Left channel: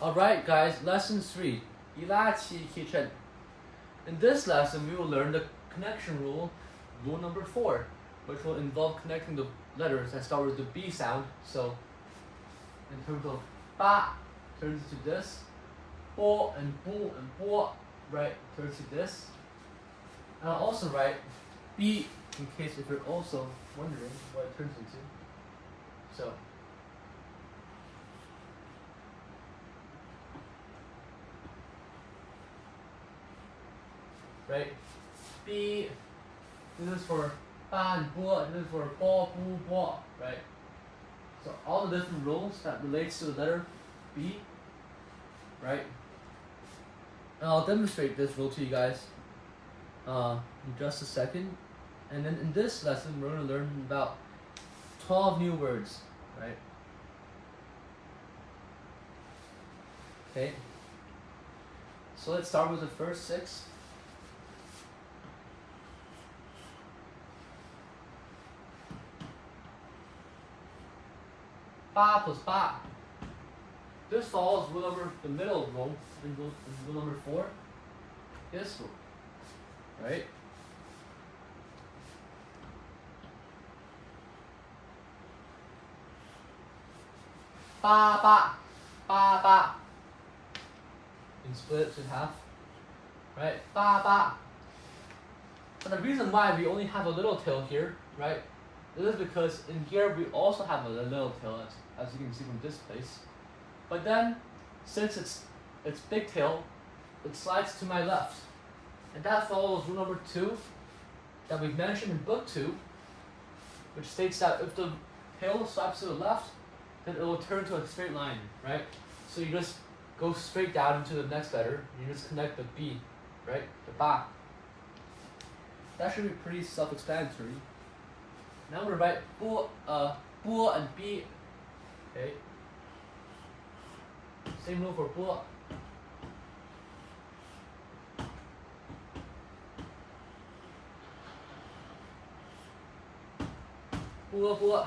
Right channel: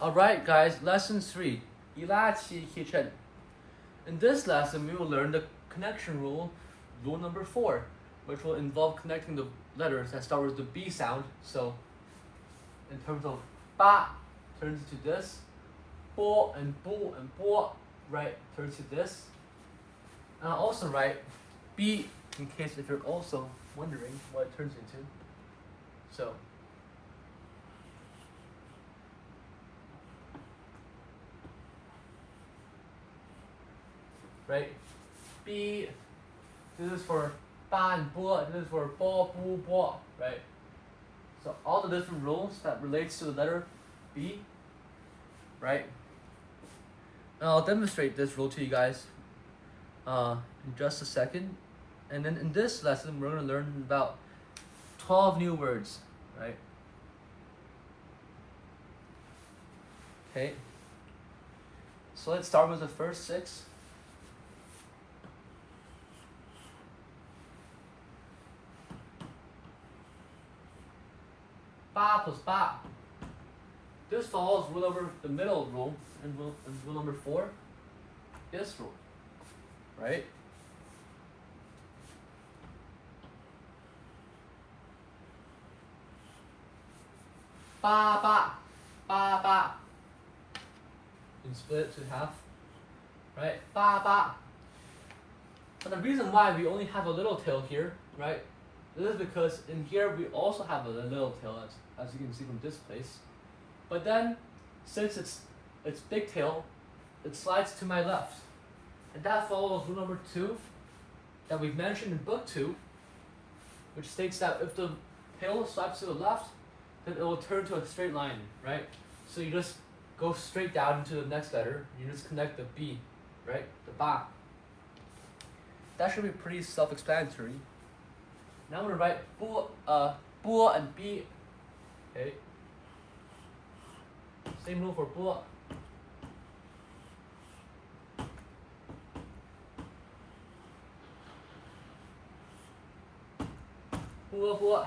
Alright guys, lesson 3, 一拉起 kitchen. In this lesson, we will learn the connection rule, rule number 4, which will involve connecting the letters that start with the B sound. So, in terms of ba, turns to this, bo and bo, right, turns to this. And I'll also write B, in case if you're also wondering what it turns into. So, right? B, this is for ba and bo, this is for bo, bu, bo, right? So all the different rules that relates to the letter B, right? And I'll demonstrate this rule to you guys in just a second. And then in this lesson, we're going to learn about 12 new words, right? Okay. So let's start with the first 6. Ba plus ba. This follows rule number, the middle rule, and rule number 4. This rule, right? Ba ba, ba ba. You can split it in half, right? Ba ba. But the reason why we only have a little tail here, right? This is because in here we also have a little tail, as you can see from this place. But then, since it's big tail, it slides to my left. And that follows rule number 2 that we mentioned in book 2, which states that if the tail slides to the left, then it will turn to a straight line, right? So you just go straight down into the next letter, you just connect the B, right? The ba. That should be pretty self-explanatory. Now I'm gonna write bo and B. Okay. Same rule for bo. Bo.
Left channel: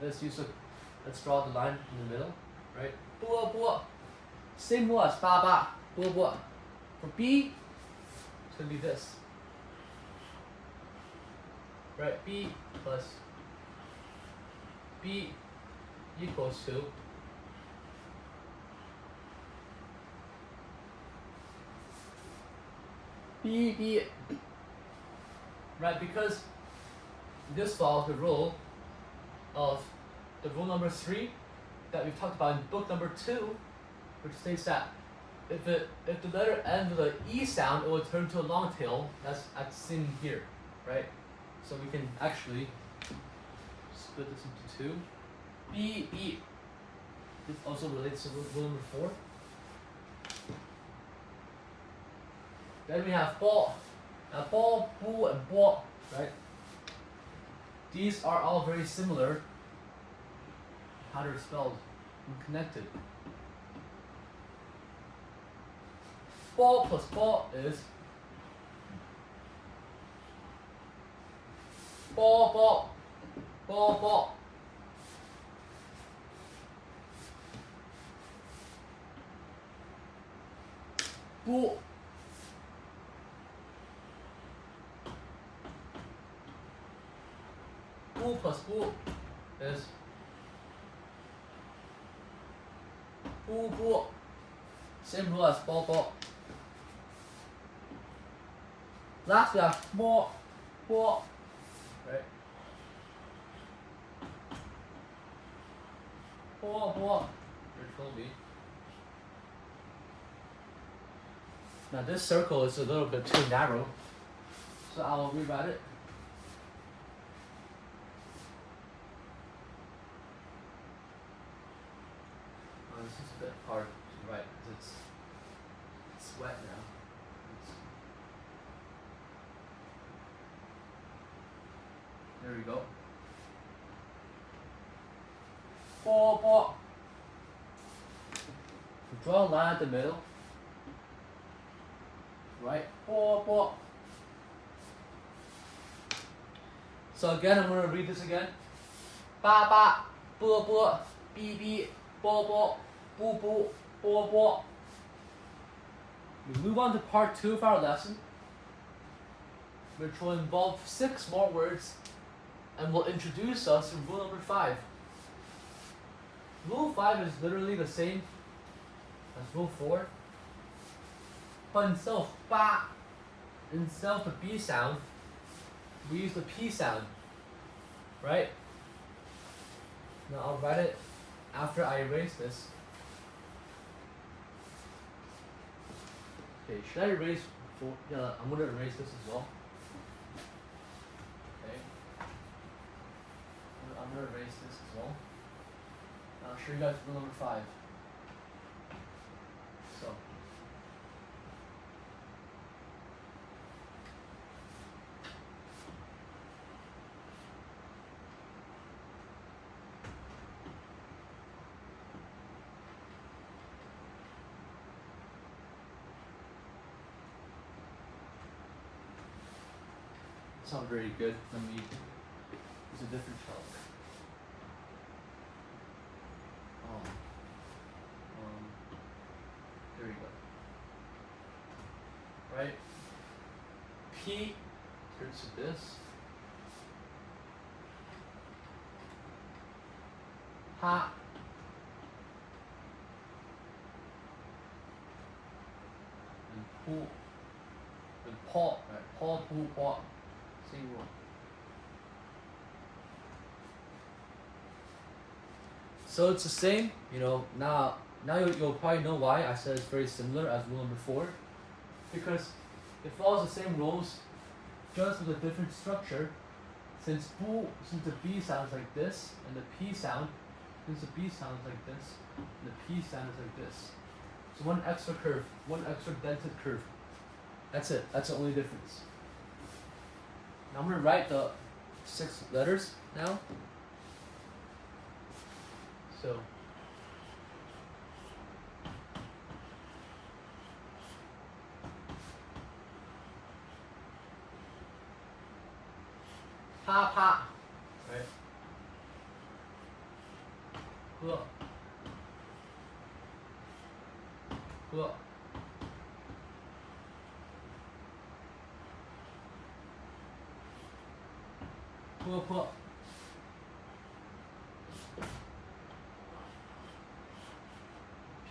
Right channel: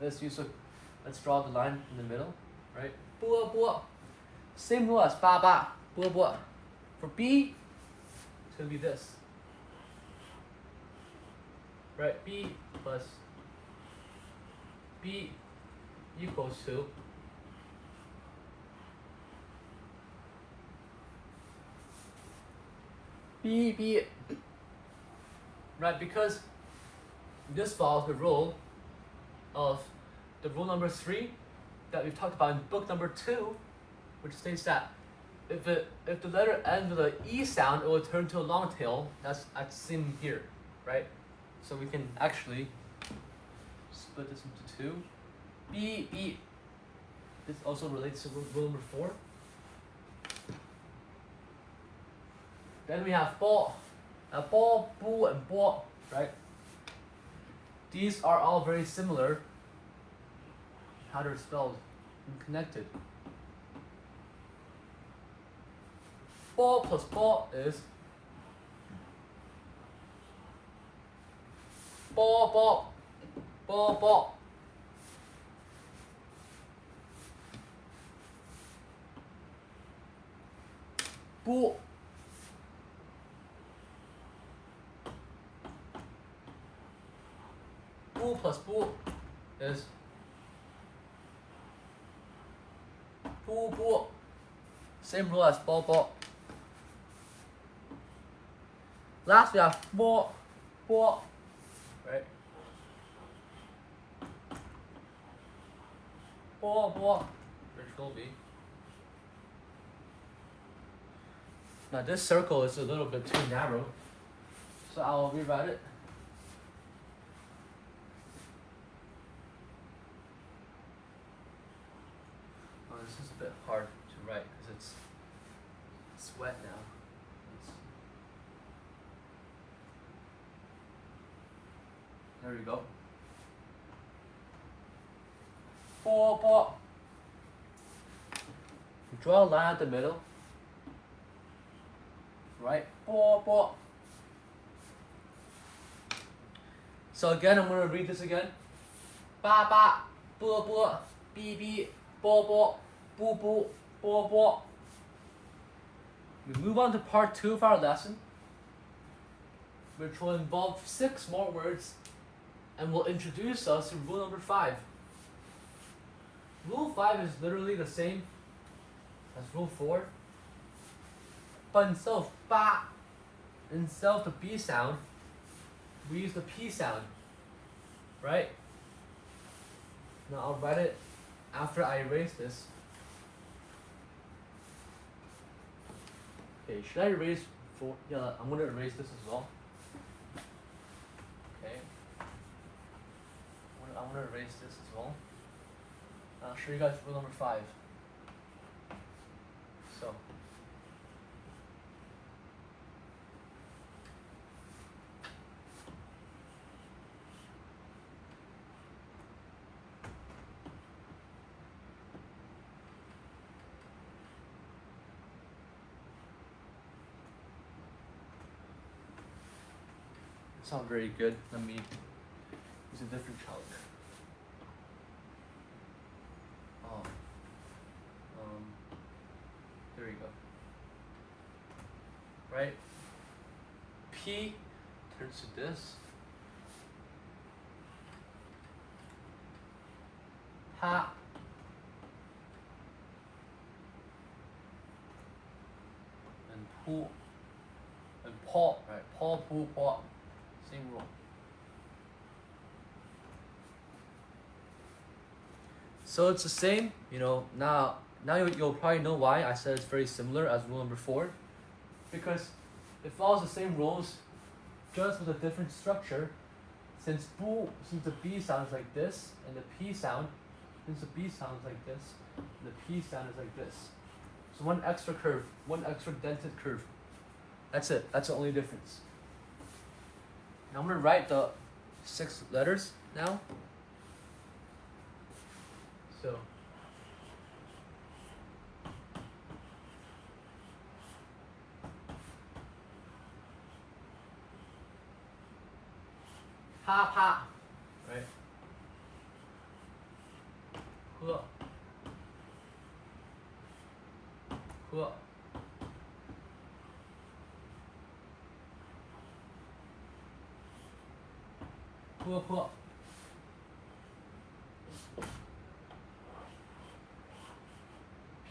Let's draw the line in the middle, right? Bo. Same rule as ba. Bo. For B, it's gonna be this. Right, B plus B equals to B. Right, because this follows the rule of the rule number 3 that we've talked about in book number 2, which states that if the letter ends with an E sound, it will turn to a long tail. That's seen here, right? So we can actually split this into 2. B. This also relates to rule number 4. Then we have bo. Now bo, bu, and bo, right? These are all very similar how they're spelled and connected. Bo plus bo is bo. Bu. Bu plus bu is bu. Same rule as bo. Last we have bo, right? Bo, Control B. Now this circle is a little bit too narrow, so I'll rewrite it. Oh, this is a bit hard to write because it's wet now. There we go. Bo. Draw a line at the middle. Right? Bo. So again, I'm going to read this again. Ba, bo, bi, bo, boo boo, bo bo. We move on to part 2 of our lesson, which will involve 6 more words and will introduce us to rule number 5. Rule 5 is literally the same as rule 4, but instead of ba, instead of the B sound, we use the P sound, right? Now I'll write it after I erase this. Okay, should I erase 4? Yeah, I'm gonna erase this as well. Okay. I'm gonna erase this as well. I'll show you guys rule number 5. So. It's not very good. Let me use a different chalk. There you go. Right? P turns to this. Ha. And pu. And paw. Right? Paw, pu, paw. Same rule. So it's the same, now you'll probably know why I said it's very similar as rule number 4. Because it follows the same rules, just with a different structure. Since the B sounds like this, and the P sound, since the B sounds like this, and the P sound is like this. So one extra curve, one extra dented curve. That's it, that's the only difference. Now I'm gonna write the 6 letters now. So pa pa, right? He, he, he.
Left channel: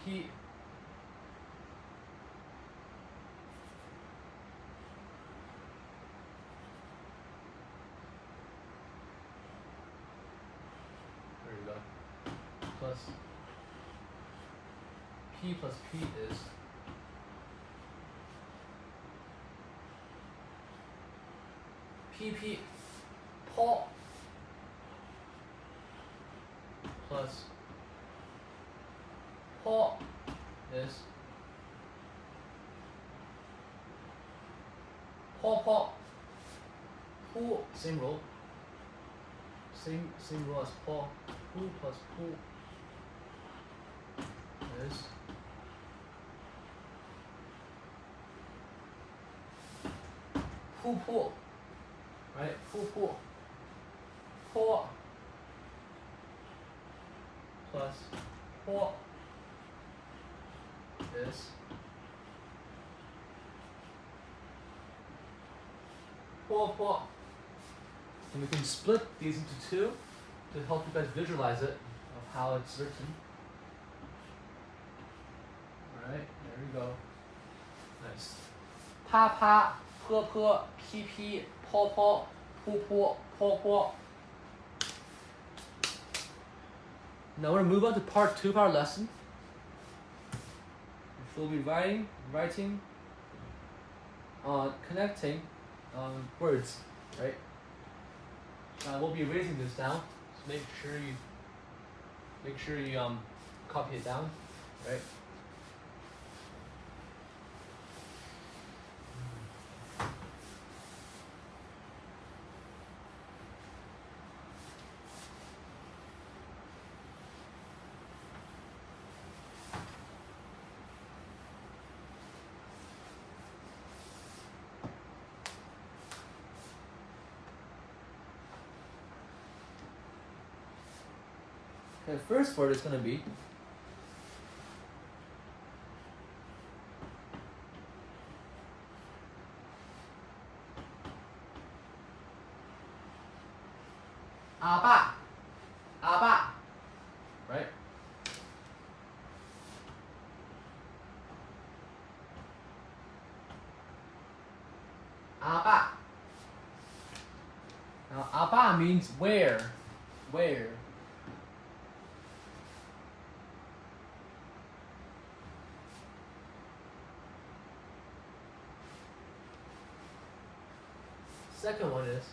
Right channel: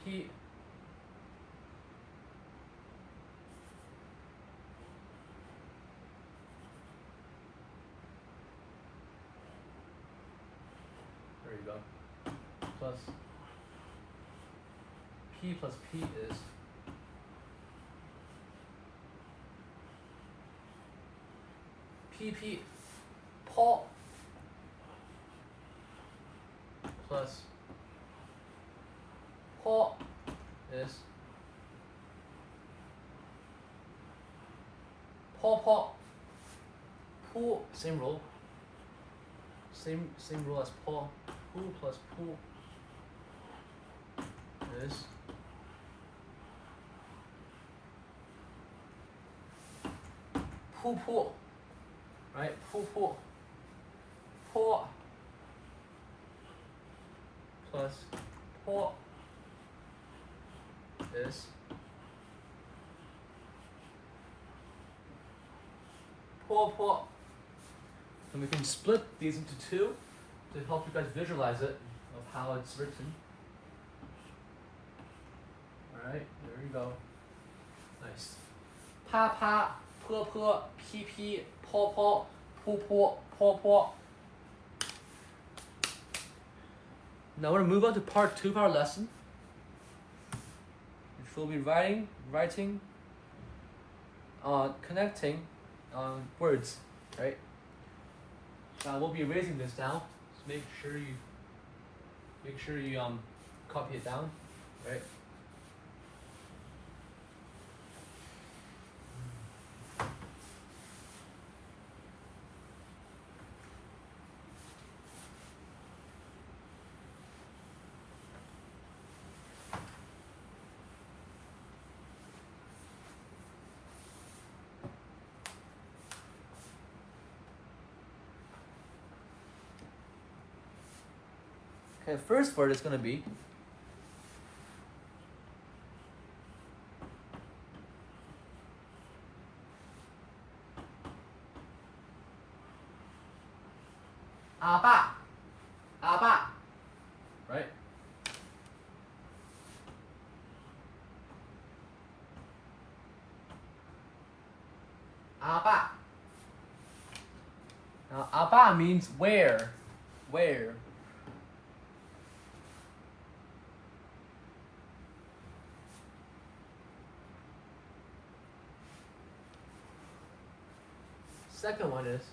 P. There you go. Plus P plus P is PP Paul plus Paul is Paul pool, same rule. Same rule as Paul. Pool plus pool is pool. Right? Pool. Paul plus Paul is Paul. And we can split these into 2 to help you guys visualize it of how it's written. Alright, there we go. Nice. Pa pa, pu pu, pi pi, paw, paw. Now we're gonna move on to part 2 of our lesson, which we'll be writing, connecting words, right? Now we'll be erasing this now. So make sure you copy it down, right? Okay, the first word is going to be Aba. Right? Aba. Now, aba means where. Where. Second one is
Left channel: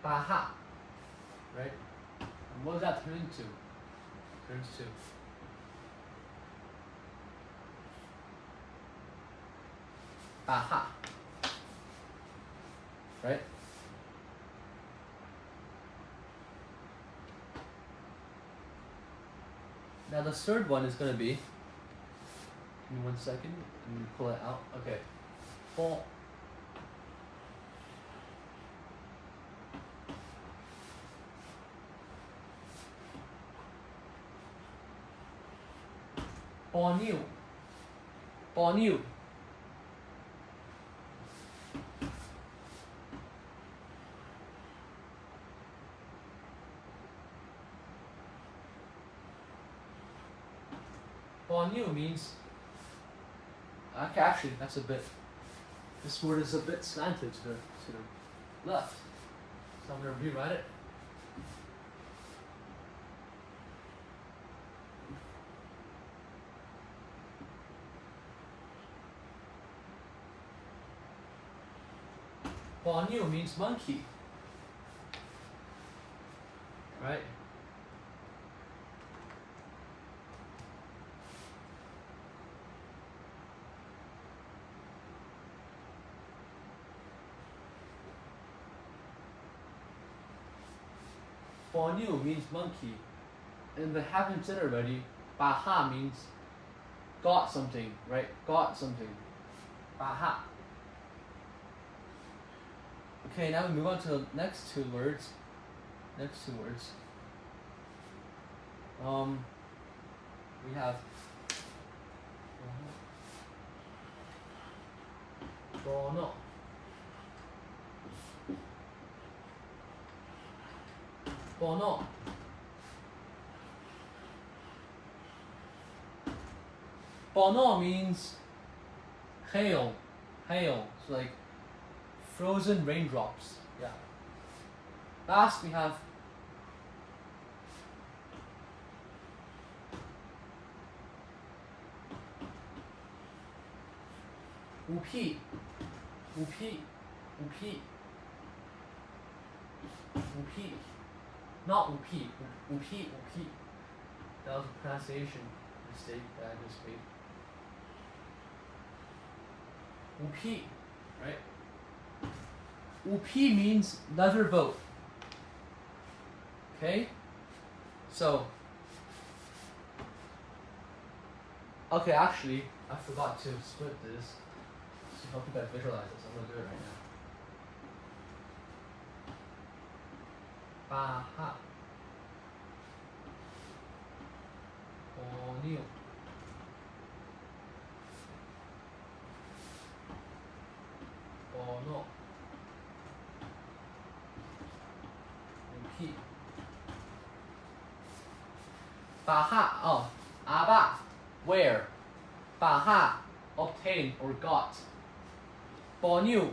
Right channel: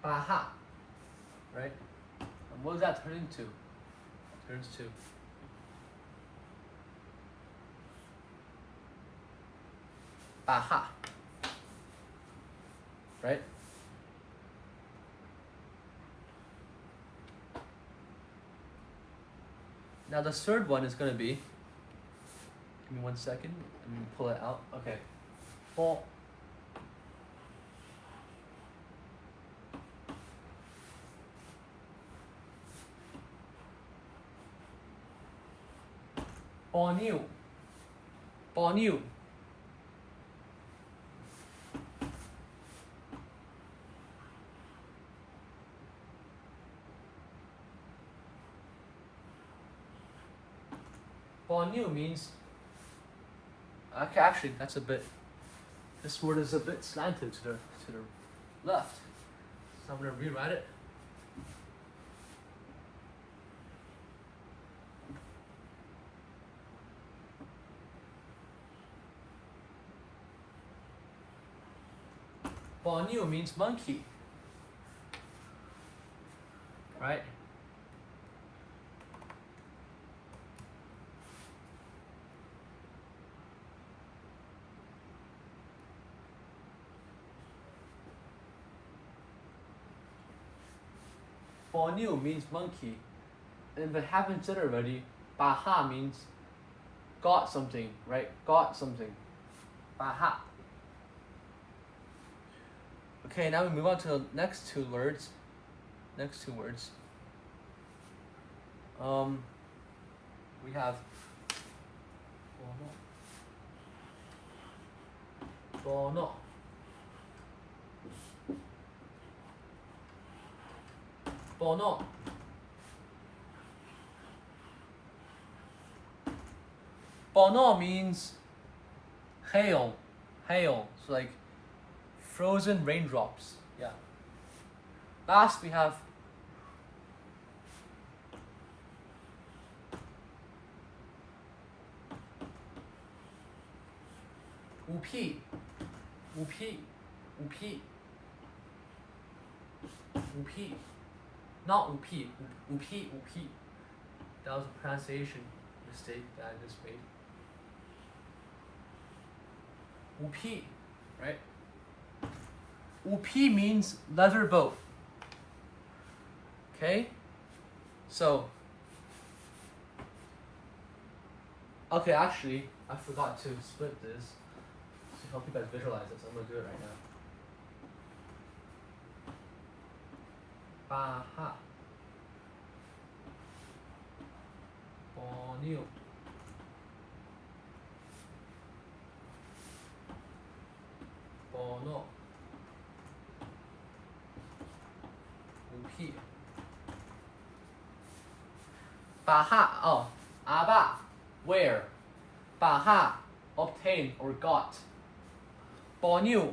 baha. Right? And what does that turn into? It turns to baha. Right? Now the third one is gonna be, give me 1 second, let me pull it out. Okay. Bon. Bonnieu. Bonnieu. Bonnieu means, okay, actually that's a bit, this word is a bit slanted to the left. So I'm gonna rewrite it. Bonnieu means monkey. Right? Bonnieu means monkey. And if it haven't said already, baha means got something, right? Got something. Baha. Okay, now we move on to the next two words. Next two words. We have bono. Bono. Bono means hail. Hail. So like frozen raindrops. Yeah. Last we have upi. Upi. Upi. Upi. Not upi. Upi. Upi. That was a pronunciation mistake that I just made. Upi. Right? Upi means leather boat. Okay? So, okay, actually, I forgot to split this to help you guys visualize this. I'm gonna do it right now. Baha. Bonnieu. Bono. Upi. Baha. Oh, aba. Where? Baha. Obtain or got. Bonnieu.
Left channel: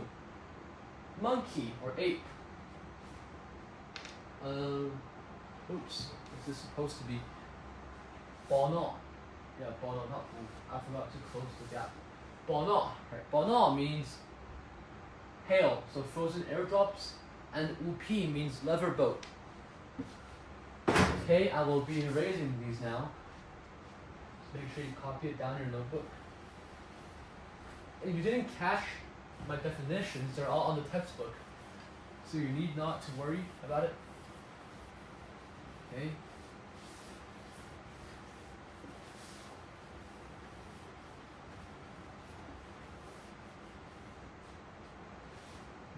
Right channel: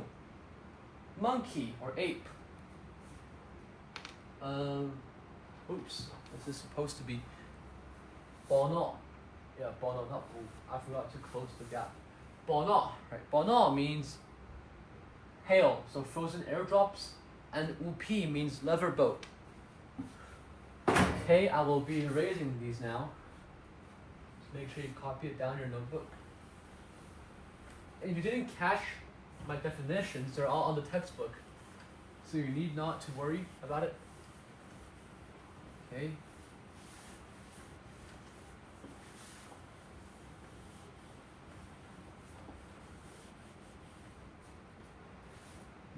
Monkey or ape. Oops. This is supposed to be bono. Yeah, bono, not boo. I forgot to close the gap. Bono, right? Bono means hail, so frozen airdrops, and upi means leather boat. Okay, I will be erasing these now. Just make sure you copy it down in your notebook. And if you didn't catch my definitions, they're all on the textbook. So you need not to worry about it. Okay.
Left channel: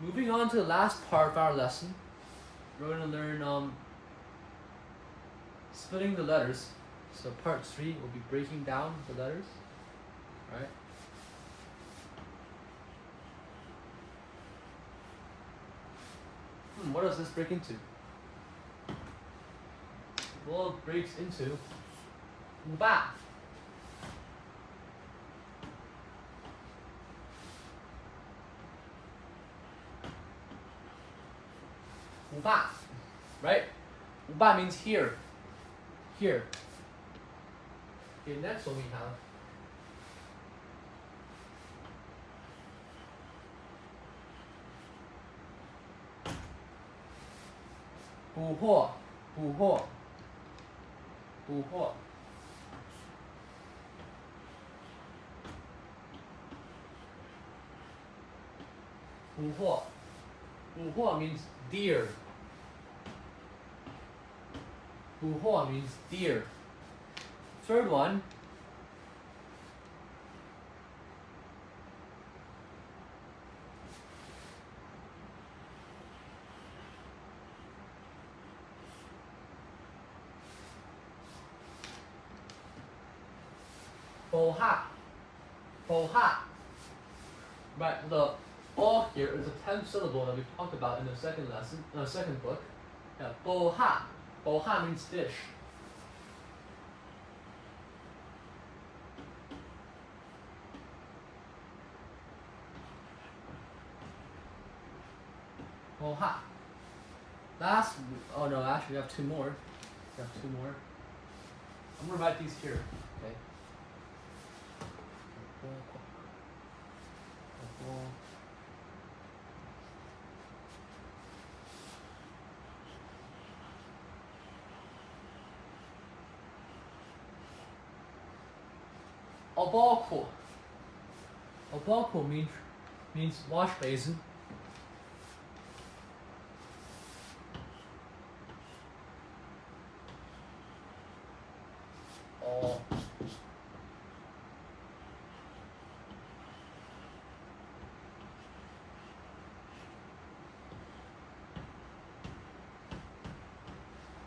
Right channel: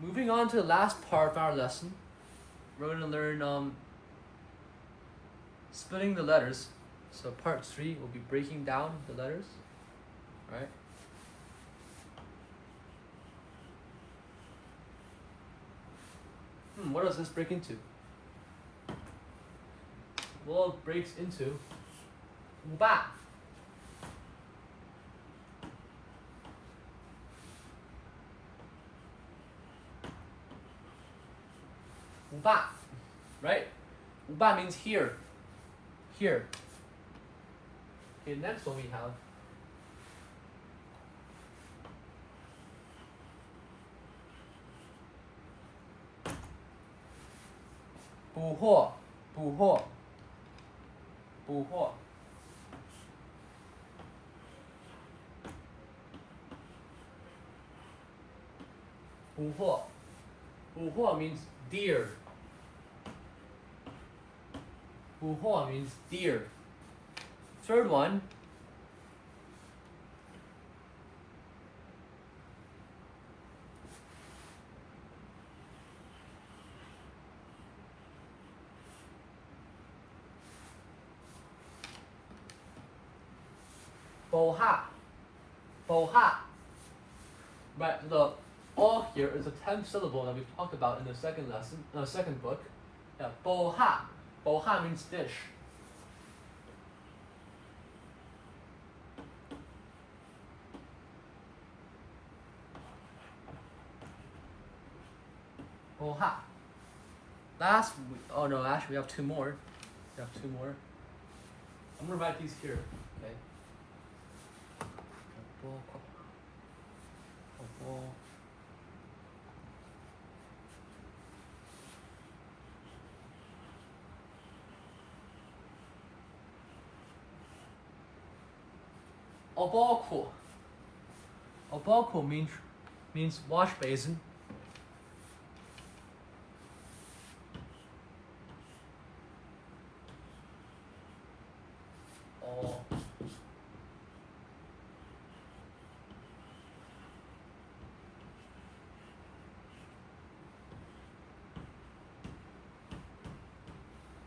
Moving on to the last part of our lesson, we're going to learn splitting the letters. So part 3 will be breaking down the letters. Right? lesson, what does this break into? Well, it breaks into 五爸. Right? 五爸 means here. Here. Okay, next one we have 捕获 捕获 捕获 捕获 捕获 means deer. 捕获 means deer. Third one 捕獲 捕獲. Right, the all here is a 10th syllable that we talked about in the second lesson, second book. Yeah, 捕獲 捕獲 means fish. Oh ha. Oh no, actually we have two more. We have two more. I'm gonna write these here, okay? Oboku. Oboku means wash basin. Oh.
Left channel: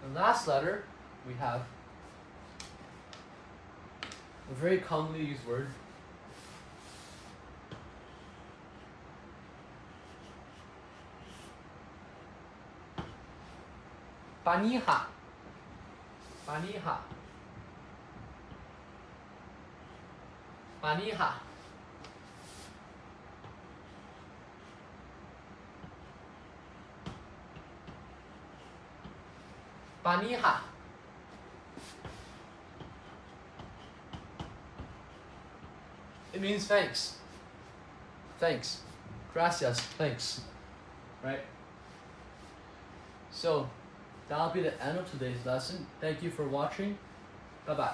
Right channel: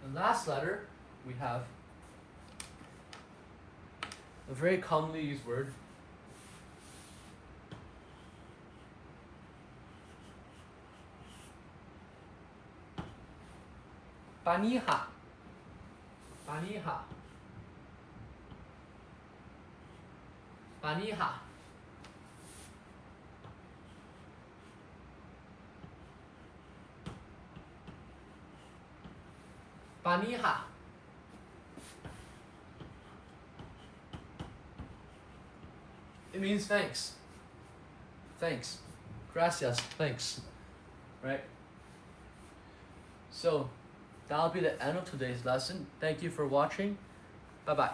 The last letter we have a very commonly used word. Baniha. Baniha. Baniha. Baniha. It means thanks. Thanks. Gracias. Thanks. Right? So, that'll be the end of today's lesson. Thank you for watching. Bye-bye.